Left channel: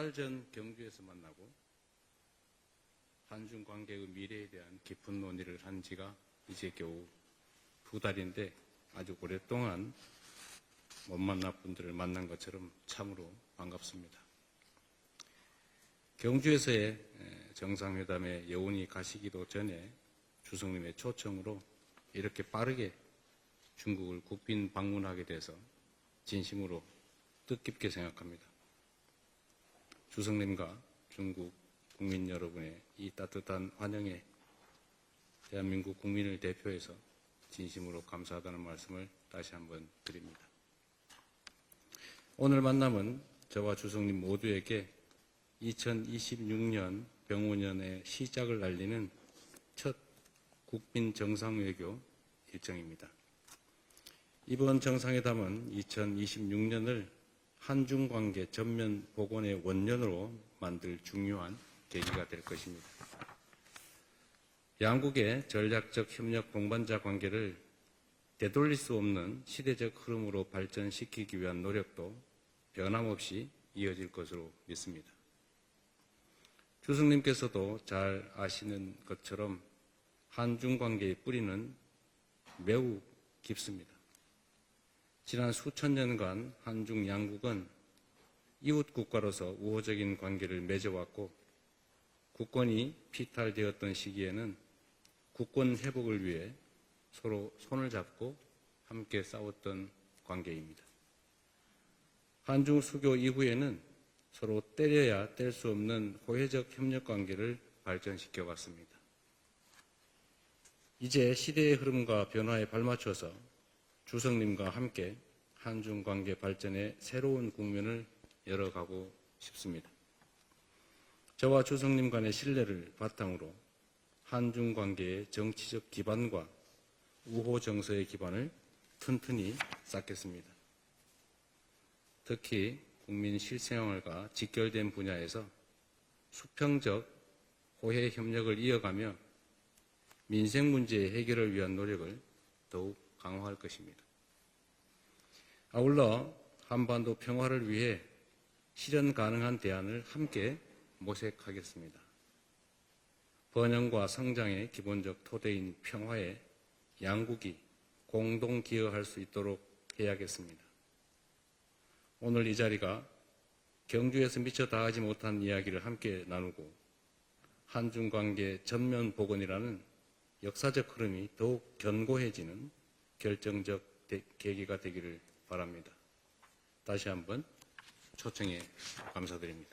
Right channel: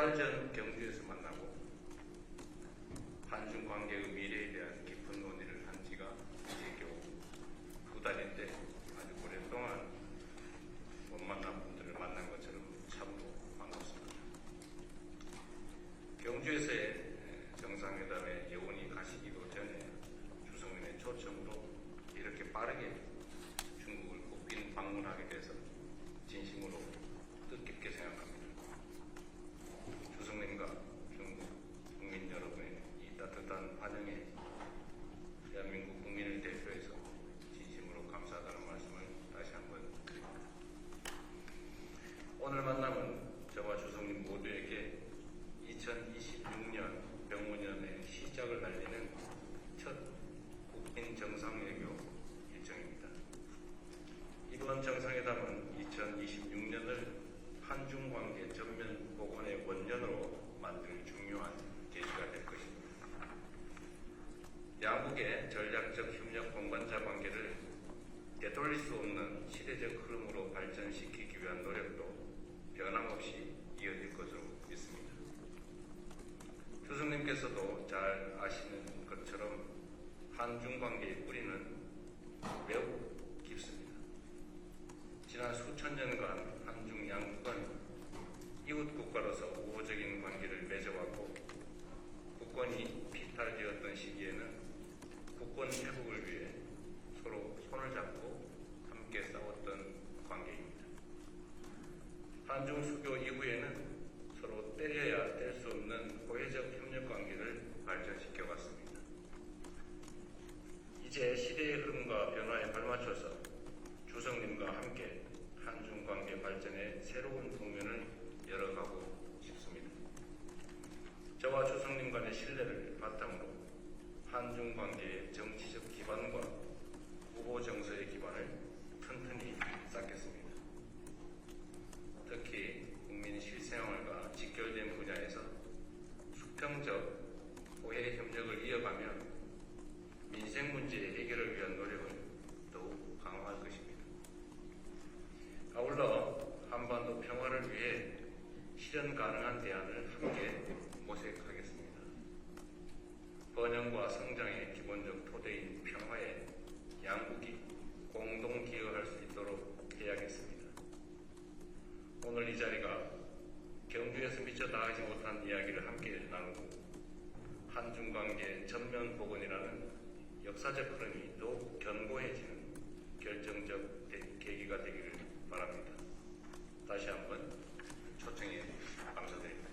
달전 경주에서 만나고 한중 관계의 미래에 대한 깊은 논의를 한 지가 이제 겨우 두 달인데 아주 오랫동안 못 만난 분들을 만난 것처럼 참으로 반갑습니다. 경주에서의 정상회담에 여운이 가시기도 전에 주성님의 초청으로 이렇게 빠르게 중국을 국빈 방문하게 돼서 진심으로 뜻깊게 생각합니다. 주성님과 중국 국민 여러분의 이 따뜻한 환영에 대한민국 국민을 대표해서 진심으로 감사하다는 말씀을 다시 한번 드립니다. 오늘 만남은 저와 주성님 모두에게 2026년 병원년의 시작을 알리는 첫 국빈 정상외교 일정입니다. 이번 정상회담은 2026년을 한중 관계 전면 복원의 원년으로 만들 중요한 계기가 될 것입니다. 양국의 전략적 협력 동반자 관계를 되돌릴 수 없는 시대적 흐름으로 발전시키기 위한 노력도 변함없이 이어질 것으로 믿습니다. 주승님께서도 잘 아시는 것처럼 한중 관계의 뿌리는 매우 깊습니다. 지난 수천 년간 한중 양국은 이웃 국가로서 우호적인 관계를 맺어왔고 국권이 피탈되었던 시기에는 국권 회복을 위해 서로 손을 잡고 함께 싸웠던 관계입니다. 한중 수교 이후에는 서로 때려야 뗄 수 없는 호혜적 협력 관계를 발전시켜 왔습니다. 이제 시대의 흐름과 변화에 발맞춰서 주성님과 함께 한중 관계 발전의 새로운 국면을 열어가고 싶습니다. 저와 주성님 간의 신뢰를 바탕으로 한중 관계의 정치적 기반과 우호 정서의 기반을 튼튼히 쌓겠습니다. 특히 국민 실생활과 직결된 분야에서 수평적 호혜 협력을 이어가며 민생 문제 해결을 위한 노력을 더욱 강화할 것입니다. 아울러 한반도 평화를 위해 실현 가능한 대안을 함께 모색하겠습니다. 번영과 성장의 기본적 토대인 평화에 양국이 공동 기여할 수 있도록 해야겠습니다. 오늘 이 자리가 경주에서 미처 다 하지 못한 이야기를 함께 나누고 한중 관계 전면 복원이라는 역사적 흐름이 더욱 견고해지는 결정적 계기가 되기를 바랍니다. 다시 한번 초청에 감사드립니다.